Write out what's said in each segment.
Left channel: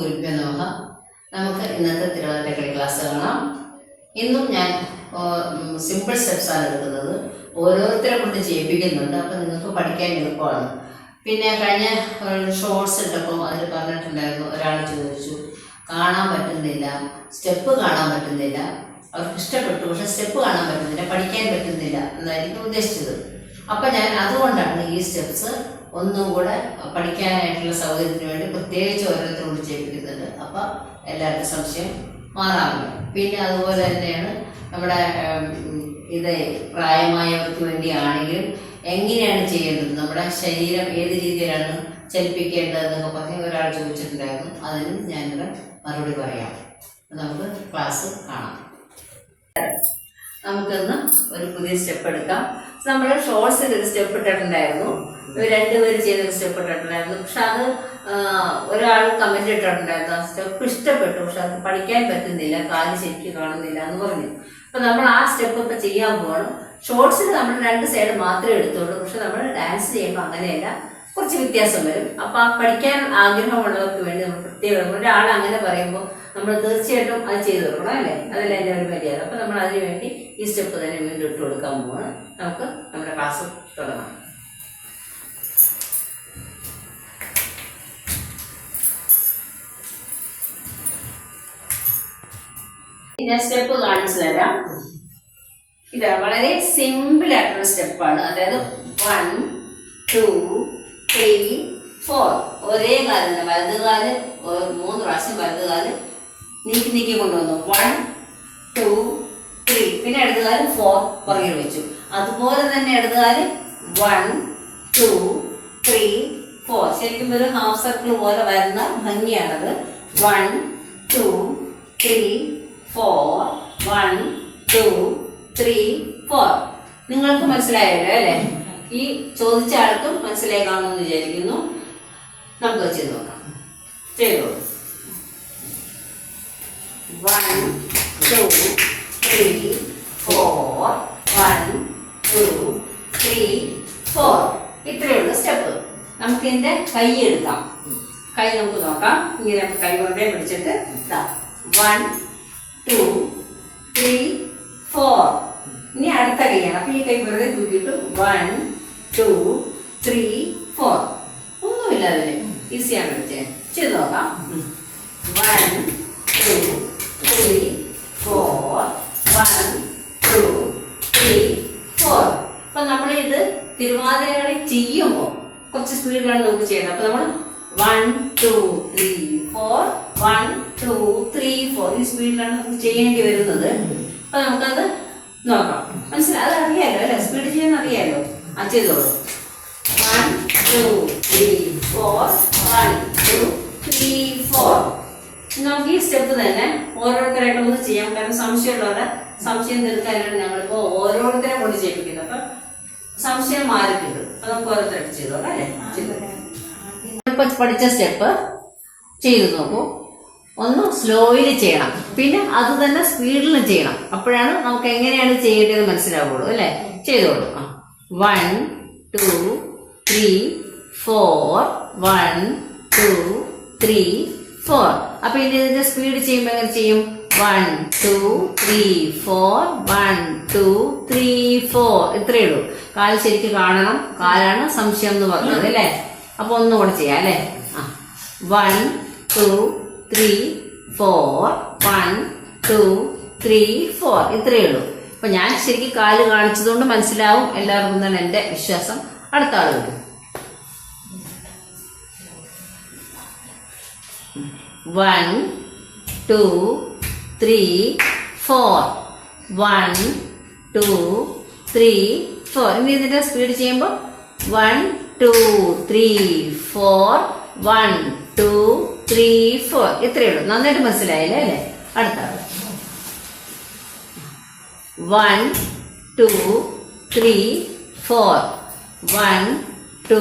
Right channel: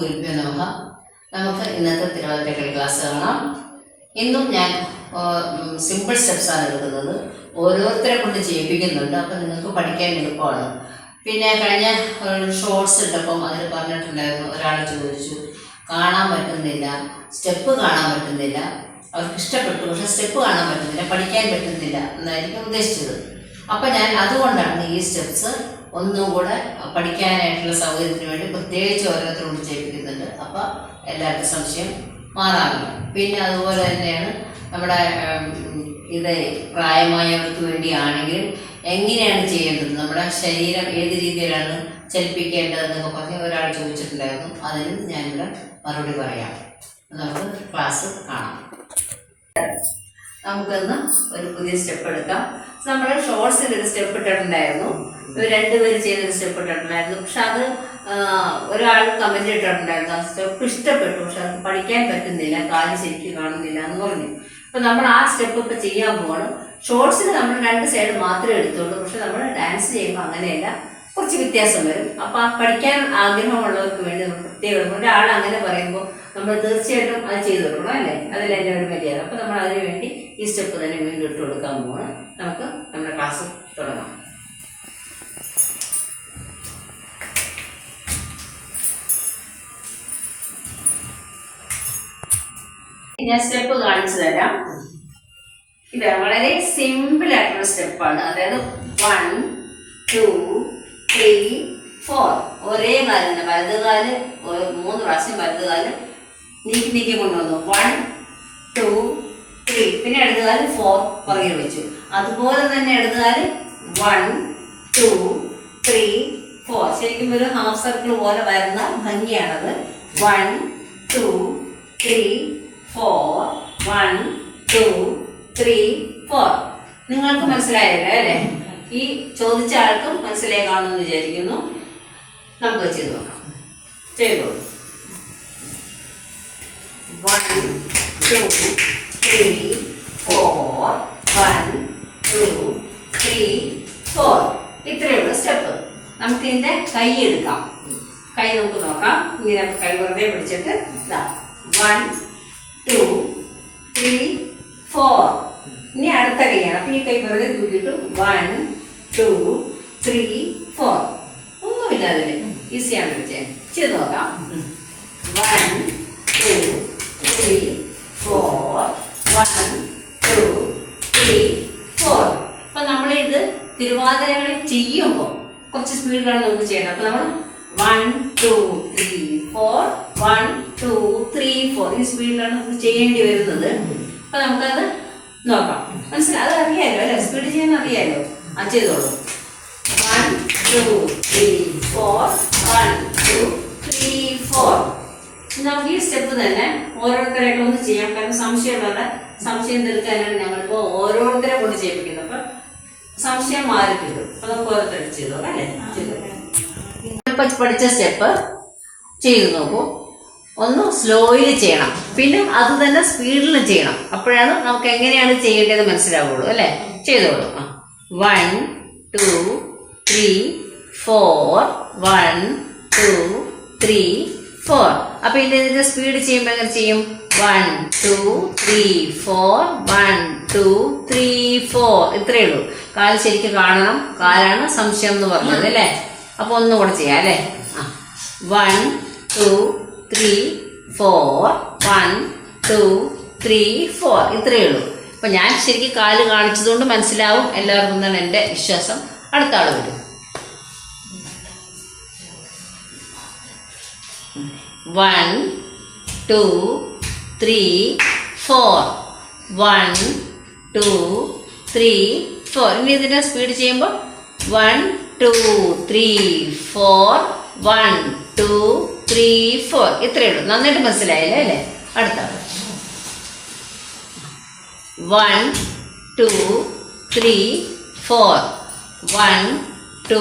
ഗുരുഭ്യോ നമഃ. നമുക്ക് ഇന്നത്തെ തിരുവനന്തപുരം ക്ലാസ് കാണാം. ഇന്നും ഞാൻ സിമ്പിൾ സ്റ്റെപ്സ് ആണ് എടുക്കുന്നത്. ഓരോരുത്തരെ കൊണ്ട് ചെയ്യിപ്പിക്കുന്നുണ്ട്. അപ്പം നിങ്ങൾക്ക് പഠിക്കാൻ എളുപ്പമാണ്. പിന്നെ കഴിഞ്ഞ ഷോർട്സ് ഇട്ടപ്പം അതിൽ പറഞ്ഞിട്ടുണ്ടായിരുന്നു ഒരാൾ ചോദിച്ചു കാണാൻ പറ്റുന്നില്ല. സ്റ്റെപ്പ് കാണാൻ പറ്റുന്നില്ല. അവർക്ക് ഇഷ്ടപ്പെട്ടു. പക്ഷെ സ്റ്റെപ്പ് കാണാൻ പറ്റുന്നില്ല. പഠിക്കാൻ പറ്റുന്നില്ല എന്നായിരിക്കും ഉദ്ദേശിച്ചത്. അപ്പം ഞാൻ അതുകൊണ്ടാണ് ഈ സ്റ്റെപ്സ് ഒന്നും കൂടെ പഠിക്കാനായിട്ടുള്ള സൗകര്യത്തിന് വേണ്ടി പ്രത്യേകിച്ച് ഓരോരുത്തരോട് ചെയ്യിപ്പിക്കുന്നുണ്ട് അപ്പം എല്ലാവർക്കും സംശയം മാറാറില്ല. പിന്നെ അതുപോലെ തന്നെയാണ് നമ്മുടെ ഇത് പ്രായമായവർക്ക് വേണ്ടിയാണെങ്കിൽ എങ്ങനെയാണ് ചെയ്യേണ്ടത്? നമ്മുടെ ശരീരം ഏത് രീതിയിലാണ് ചലിപ്പിക്കേണ്ടതെന്നൊക്കെ പറഞ്ഞ് ഒരാൾ ചോദിച്ചിട്ടുണ്ടായിരുന്നു. അതിന് ഞാനിവിടെ മറുപടി പറയാം. നമുക്ക് ക്ലാസ് കാണാം. നമുക്കൊന്ന് ഒരു പുതിയ സ്റ്റെപ്പ് എടുക്കാം. നമ്മൾ ഷോർട്സിൽ ഒരു സ്റ്റെപ്പ് ഇട്ടിട്ടുണ്ടായിരുന്നു. രണ്ടുപേര് ചെയ്തൊരു സ്റ്റെപ്പ് ഇട്ടിട്ടുണ്ടായിരുന്നു. പക്ഷെ അത് ഒരാൾ കമന്റ് ഇട്ടിട്ടുണ്ടായിരുന്നു. ആ സ്റ്റെപ്പ് ഇഷ്ടപ്പെട്ടു. പക്ഷെ അത് പഠിക്കാൻ പറ്റുന്നില്ല. കാൽ ശരിക്കും കാണുന്നില്ല എന്ന് പറഞ്ഞു. അപ്പൊ നമ്മൾ ആ സ്റ്റെപ്പ് ഇപ്പൊ ചെയ്യാൻ പോകണം ഷോർട്സിൽ നമ്മൾ രണ്ട് സൈഡ് മാത്രമേ എടുത്തുള്ളൂ. പക്ഷെ നമ്മൾ ഡാൻസ് ചെയ്യുമ്പോൾ അങ്ങനെയല്ല. കുറച്ച് വ്യത്യാസം വരും. അപ്പൊ പഠിക്കാൻ ആഗ്രഹമുള്ളവർക്ക് വേണ്ടി നമ്മൾ പ്രത്യേകം ഒരാൾ അങ്ങനെ പറയുമ്പോൾ നമ്മൾ തീർച്ചയായിട്ടും അത് ചെയ്തു കൊടുക്കണം അല്ലേ? അതല്ല എന്റെ ഒരു മര്യാദ. അപ്പം നമ്മൾ അതിന് വേണ്ടി ഈ സ്റ്റെപ്പ് തന്നെ വീണ്ടും ഇട്ട് കൊടുക്കാൻ പോവാണ്. നമുക്ക് നമ്മുടെ ക്ലാസ് തുടങ്ങാം. ഞാൻ സ്റ്റെപ്പ് കാണിച്ചു തരാം. ഇത് വളരെ സിമ്പിൾ ആയിട്ടുള്ള സ്റ്റെപ്പാണ് അതായത് വൺ ടു ത്രീ ഫോർ ഒരേ കാലം തന്നെ. വലത് ഒരു മൂന്ന് പ്രാവശ്യം വലത് കാൽ നീക്കി നീക്കി കൊണ്ടുവന്നു. വൺ ടു ത്രീ പിന്നെ ഇടതുകാൽ ഫോർ പുറകിൽ വെച്ചു. അതുപോലെ തന്നെ ഇടതുകാൽ വൺ ടു ത്രീ ഫോർ ശരിക്കും ഒരു ഹാഫ് സർക്കിൾ പോലെ വരുന്ന ഭംഗിയാണത്. One two three four one two three four നിങ്ങൾക്ക് മനസ്സിലായല്ലോ അല്ലേ? ഈ ചോദിച്ച ആൾക്കും മനസ്സിലായി കാണുമെന്ന് വിചാരിക്കുന്നു. നമുക്ക് ചെയ്ത് നോക്കാം. ചെയ്തോളൂ. One two, three, four, one, two, three, four. ഇത്രയുള്ള സ്റ്റെപ്പ്. നമുക്ക് ഇതിന്റെ കൈ എടുക്കാം. കൈ നമുക്ക് നോക്കാം. ഇങ്ങനെ കൈ വെറുതെ പിടിച്ചിട്ട് ഇതാ. വൺ ടു ത്രീ ഫോർ ഇനി അടുത്ത കൈയാണ് അപ്പൊ ഈ കൈ വെറുതെ തൂക്കിയിട്ട് വൺ ടു ത്രീ ഫോർ ഒന്നുമില്ല അതിന്. ഈസിയാണ് വെച്ചേ ചെയ്ത് നോക്കാം. One two three four one two three four അപ്പൊ നമ്മളിത് തിരുവാതിരകളി ചെയ്യുമ്പോൾ കുറച്ച് സ്പീഡിലാണ് നമുക്ക് ചെയ്യണം അപ്പൊ നമ്മൾ one two three four one two three four ഈ സ്പീഡിലാണ് നമുക്ക് ചെയ്യേണ്ടി വരുന്നത്. അപ്പൊ നമുക്കത് നോക്കാം. മനസ്സിലായി? അത് അറിയാലോ അല്ലെ? സ്പീഡ് ചെയ്യാൻ അറിയാലോ? ആ ചെയ്തോളൂ. One two three four one two three four നമുക്ക് ഈ സ്റ്റെപ്പ് തന്നെ ഓരോരുത്തരായിട്ട് ഒന്ന് ചെയ്യാം. കാരണം സംശയമുള്ളവർ സംശയം തീർക്കാനാണ് ഞങ്ങളിപ്പോൾ ഓരോരുത്തരെ കൊണ്ട് ചെയ്യിപ്പിക്കുന്നത്. അപ്പം സംശയം മാറി കിട്ടും അപ്പൊ നമുക്ക് ഓരോരുത്തരായിട്ട് ചെയ്തോളാം അല്ലേ? ഇപ്പൊ പഠിച്ച സ്റ്റെപ്പ് ചെയ്തു നോക്കൂ. ഒന്ന് സ്ലോയിൽ ചെയ്യണം. പിന്നെ അത് തന്നെ സ്പീഡിൽ ചെയ്യണം. അപ്പോഴാണ് നമുക്ക് എങ്ങനെയാണ് ചെയ്യേണ്ടത് മനസ്സിലാവുള്ളൂ അല്ലേ? ചെയ്തോളൂ one two three four one two three four അപ്പൊ ഇനി ഇതിന്റെ സ്പീഡ് ചെയ്യുമ്പോൾ എങ്ങനെ ചെയ്യും. One two three four one two three four ഇത്രയേ ഉള്ളൂ. കാൽ ശരിക്കും കാണണം. കാലാണ് സംശയം എന്ന് പറഞ്ഞത് അല്ലേ? അപ്പൊ ഒന്നും കൂടെ ചെയ്യാം അല്ലേ? One two three four one two three four ഇത്രയേ ഉള്ളൂ. അപ്പൊ ഞാൻ ശരിക്കും കാൽ കാണിച്ചതുകൊണ്ട് മനസ്സിലാവും. എല്ലാവർക്കും തന്നെ എന്റെ വിശ്വാസം അടുത്ത ആൾ വരും. One two three four one two three four ഇനി ഇതിന്റെ സ്പീഡ് ചെയ്യുമ്പോൾ one two three four one two three four ഇത്രയേ ഉള്ളൂ. നന്നായിട്ട് മനസ്സിലായല്ലേ അല്ലേ? അടുത്ത one two three four one two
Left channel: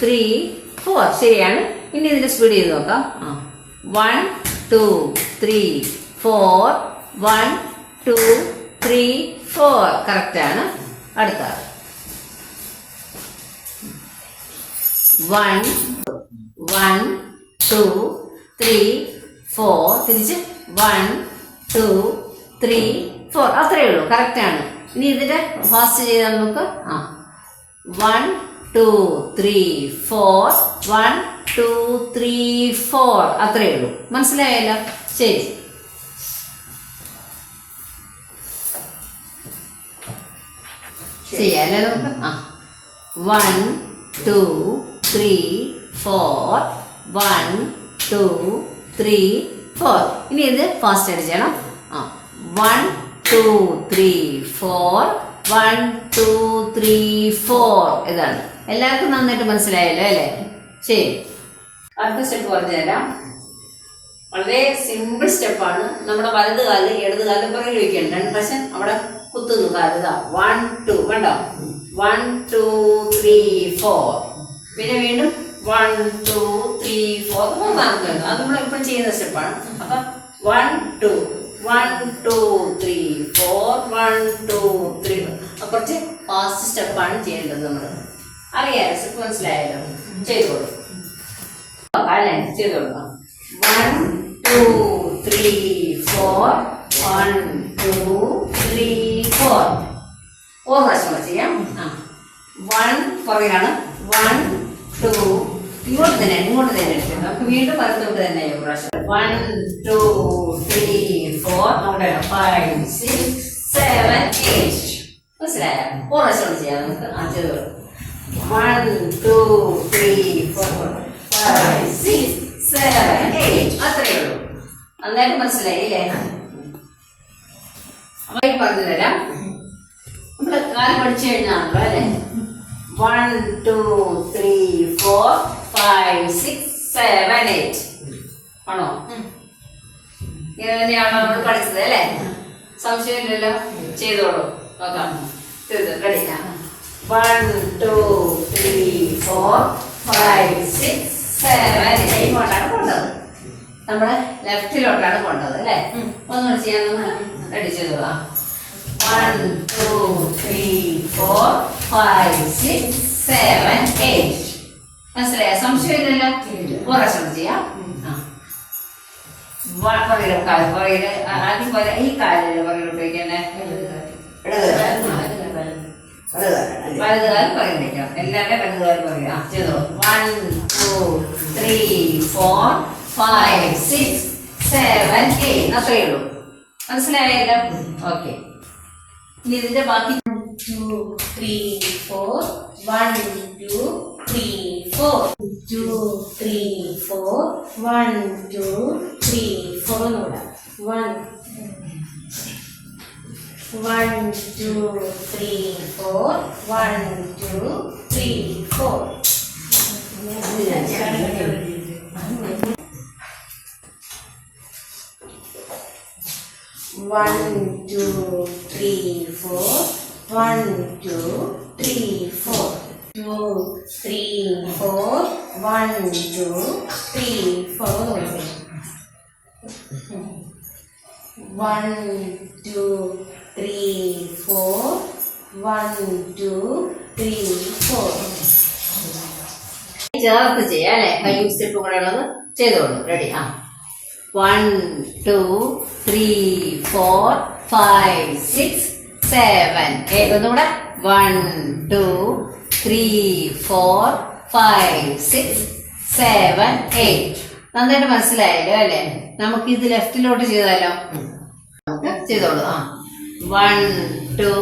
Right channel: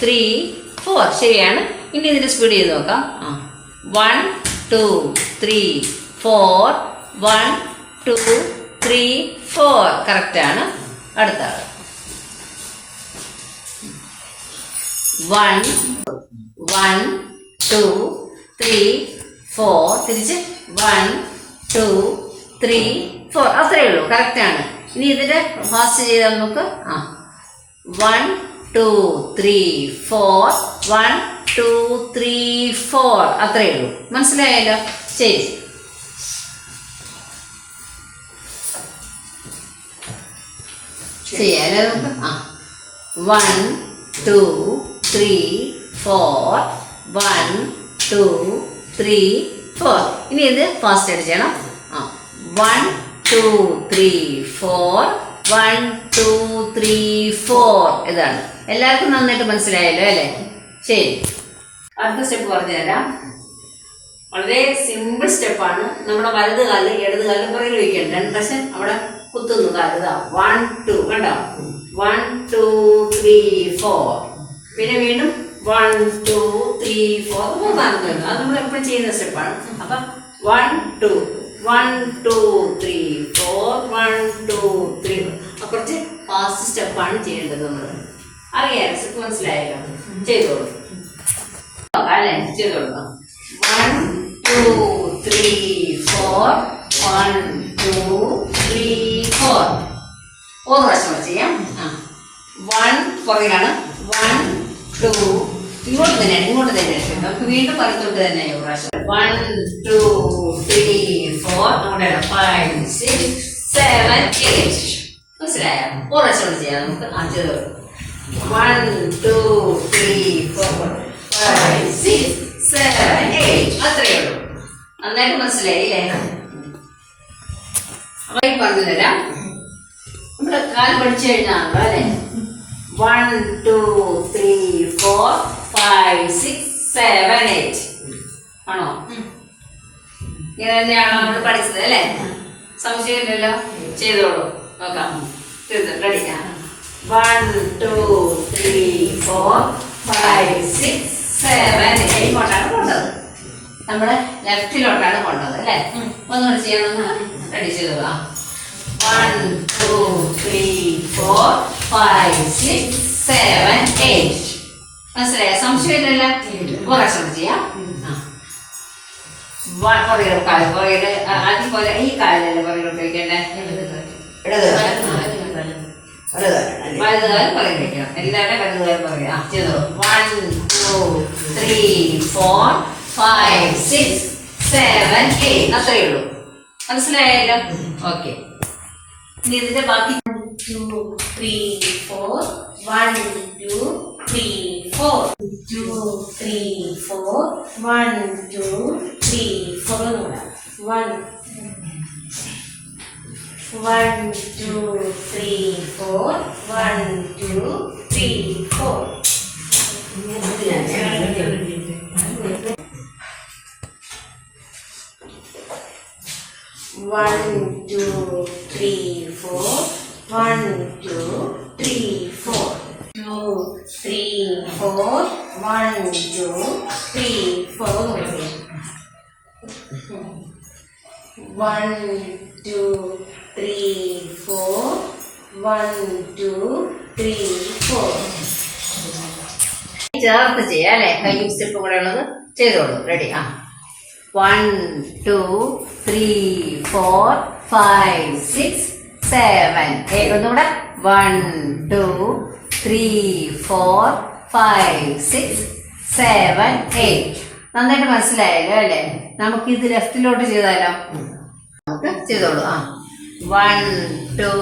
three four ശരിയാണ്. ഇനി ഇതിന്റെ സ്പീഡ് ചെയ്ത് നോക്കാം. One two three four one two three four കറക്റ്റാണ് അടുത്ത ആൾ. One one two three four തിരിച്ച് വൺ ടു ത്രീ ഫോർ അത്രയേ ഉള്ളൂ. കറക്റ്റാണ് ഇനി ഇതിന്റെ ഫാസ്റ്റ് ചെയ്താൽ നമുക്ക് ആ. One two three four one two three four അത്രയേ ഉള്ളൂ. മനസ്സിലായല്ലോ? ശരി. ചെയ്യാലോ ആ. One two three four one two three four ഇനി ഇത് ഫാസ്റ്റ് ആയിട്ട് ചെയ്യണം ആ. One two three four one two three four ഇതാണ്. എല്ലാവർക്കും നന്നായിട്ട് മനസ്സിലായല്ലോ അല്ലേ? ശരി. അടുത്ത സ്റ്റെപ്പ് പറഞ്ഞുതരാം. വളരെ സിമ്പിൾ സ്റ്റെപ്പാണ് നമ്മുടെ വലത് കാൽ ഇടത് കാൽ പുറകിൽ വെക്കണം. രണ്ട് പ്രാവശ്യം അവിടെ കുത്തുന്നു. കാൽ ഇതാ വൺ ടു വേണ്ട വൺ ടു ത്രീ ഫോർ പിന്നെ വീണ്ടും വൺ ടു ത്രീ ഫോർ മൂന്നാമത് അത് നമ്മൾ എപ്പോഴും ചെയ്യുന്ന സ്റ്റെപ്പാണ് അപ്പം one two one two three four one two three കുറച്ച് ഫാസ്റ്റ് സ്റ്റെപ്പാണ് ചെയ്യേണ്ടത് നമ്മൾ അറിയാലോ സ്റ്റെപ്പ് മനസ്സിലായല്ലോ ചെയ്തോളൂ. അല്ലേ? ചെയ്തോളൂ. One two three four one two three four ഒരു പ്രാവശ്യം ചെയ്യാം. ആ. വൺ പുറകിലാണ്. വൺ ടു ഇങ്ങോട്ട് തന്നെ ഇങ്ങോട്ട് തന്നെ. എടുക്കുന്നത് നമുക്ക് വീണ്ടും വലത്തോട്ട് തന്നെ ഒരു പ്രാവശ്യം. വൺ ടു ത്രീ ഫോർ അവിടെ ഫൈവ് സിക്സ് സെവൻ എയ്റ്റ് മനസ്സിലായോ? ഒരു പ്രാവശ്യം ചെയ്യാം. നമുക്ക് അഞ്ച് ചെയ്ത് കൊടുക്കാം two, three, four, five, six, seven, eight. അത്രയേ ഉള്ളൂ. നന്നായിട്ട് മനസ്സിലായില്ലേ ഈ പറഞ്ഞു തരാം നമ്മൾ കാൽ പഠിച്ചു കഴിഞ്ഞാണല്ലോ അല്ലേ? One two three four five six seven eight ആണോ? ഇങ്ങനെ തന്നെയാണോ നമ്മൾ പഠിച്ചത് അല്ലേ? സംശയമില്ലല്ലോ? ചെയ്തോളൂ. നോക്കാം. തീർന്നു ready one two three four five six seven എയ്റ്റോട്ടാണ് കൊണ്ടത്. നമ്മുടെ ലെഫ്റ്റിലോട്ടാണ് കൊണ്ടത് അല്ലേ? ഒന്നുകൂടി ചെയ്യണമെന്ന് റെഡി ചെയ്തോളാം one two three four five six seven eight മനസ്സിലായ? സംശയമില്ലല്ലോ? പ്രാവശ്യം ചെയ്യാം. ആ. പുറകിലെ കാൽ പുറകിൽ ആ, ആദ്യം പോലെ ഈ കാലല്ലേ പുറകിൽ ഉപയോഗിക്കണ്ടേ ഇടത് വലതുകാലം പുറകിൽ വെക്കണം എല്ലാവരുടെ വലതുകാലം ആ ചെയ്തോ one two three four five six seven eight അത്രയേ ഉള്ളൂ മനസ്സിലായല്ലോ ഓക്കെ ഇനി ഇതിന്റെ ബാക്കി two, three, four. One, two, three, four. Two, three, four. One, two, three, four. ഒന്നുകൂടെ. One. One, two, three, four. One, two, three, four. One, two, three, four. One, two, three, four. Two, three, four. One, two, three, four. One, two, three, four. One, two, three, four. ചേർത്ത് ചെയ്യാം അല്ലേ? കൈയും സ്റ്റെപ്പും കൂടെ ഉള്ളത് ചെയ്തോളൂ. Ready ആ. One two three four five six seven eight ഒന്നുകൂടെ. One two three four five six seven eight നന്നായിട്ട് മനസ്സിലായല്ലോ അല്ലേ? നമുക്ക് ഇത് ലെഫ്റ്റിലോട്ട് ചെയ്താലോ? നമുക്ക് ചെയ്തോളൂ. ആ. One two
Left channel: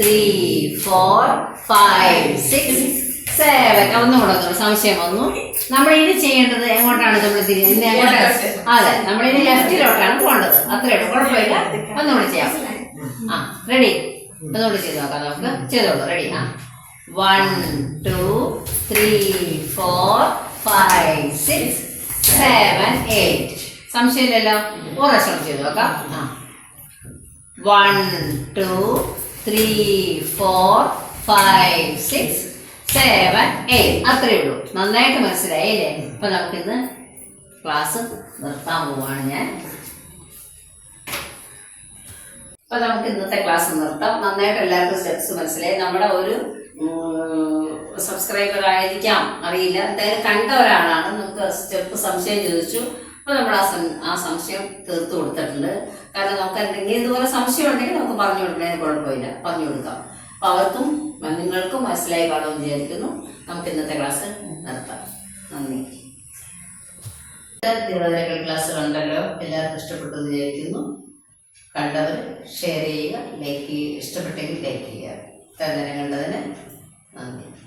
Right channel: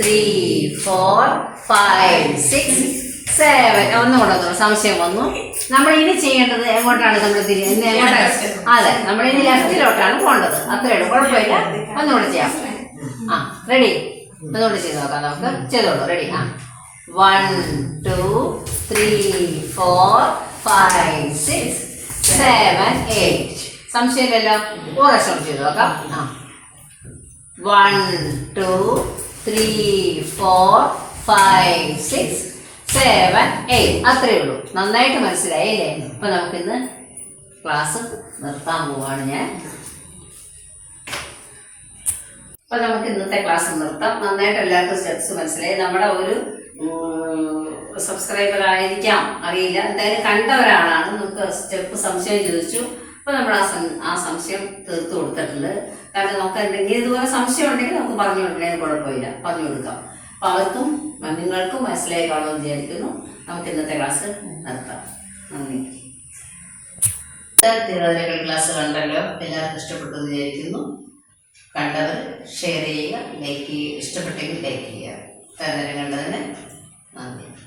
three four five six seven ഒന്നുകൂടെ ഒന്ന് സംശയം വന്നു. നമ്മൾ ഇനി ചെയ്യേണ്ടത് എങ്ങോട്ടാണ് നമ്മൾ തിരിയുന്നത് എങ്ങോട്ടാണ്? അതെ നമ്മൾ ഇനി ലെഫ്റ്റിലോട്ടാണ് പോകേണ്ടത്. അത്രേ ഉള്ളൂ. കുഴപ്പമില്ല. ഒന്നുകൂടെ ചെയ്യാം. ആ റെഡി ഒന്നുകൂടെ ചെയ്ത് നോക്കാം നമുക്ക്. ചെയ്തോളൂ. റെഡി ആ. One two three four five six seven eight സംശയമില്ലല്ലോ? ഓരോ ശ്രമം ചെയ്ത് നോക്കാം. ആ. One two three four five six seven eight അത്രയേ ഉള്ളൂ. നന്നായിട്ട് മനസ്സിലായില്ലേ അപ്പൊ നമുക്കിന്ന് ക്ലാസ് നിർത്താൻ പോവാണ് ഞാൻ. അപ്പൊ നമുക്ക് ഇന്നത്തെ ക്ലാസ് നിർത്താം. നന്നായിട്ട് എല്ലാവർക്കും സ്റ്റെപ്സ് മനസ്സിലായി. നമ്മുടെ ഒരു സബ്സ്ക്രൈബർ ആയിരിക്കാം. അറിയില്ല. എന്തായാലും കണ്ട ഒരാളാണ്. നമുക്ക് സ്റ്റെപ്പ് സംശയം ചോദിച്ചു. അപ്പോൾ നമ്മൾ ആ ആ സംശയം തീർത്തു കൊടുത്തിട്ടുണ്ട്. കാരണം നമുക്ക് എന്തെങ്കിലും ഇതുപോലെ സംശയം ഉണ്ടെങ്കിൽ നമുക്ക് പറഞ്ഞു കൊടുക്കണേ. കുഴപ്പമില്ല. പറഞ്ഞു കൊടുക്കാം. അപ്പോൾ അവർക്കും നിങ്ങൾക്കും മനസ്സിലായി കാണുമെന്ന് വിചാരിക്കുന്നു. നമുക്ക് ഇന്നത്തെ ക്ലാസ് നിർത്താം. നന്ദി. തിരുവനന്തപുരം ക്ലാസ് കണ്ടല്ലോ. എല്ലാവർക്കും ഇഷ്ടപ്പെട്ടു വിചാരിക്കുന്നു. കണ്ടവർ ഷെയർ ചെയ്യുക ലൈക്ക് ചെയ്യുക. ഇഷ്ടപ്പെട്ടെങ്കിൽ ലൈക്ക് ചെയ്യുക. തന്നെ കണ്ടതിന് നന്ദി.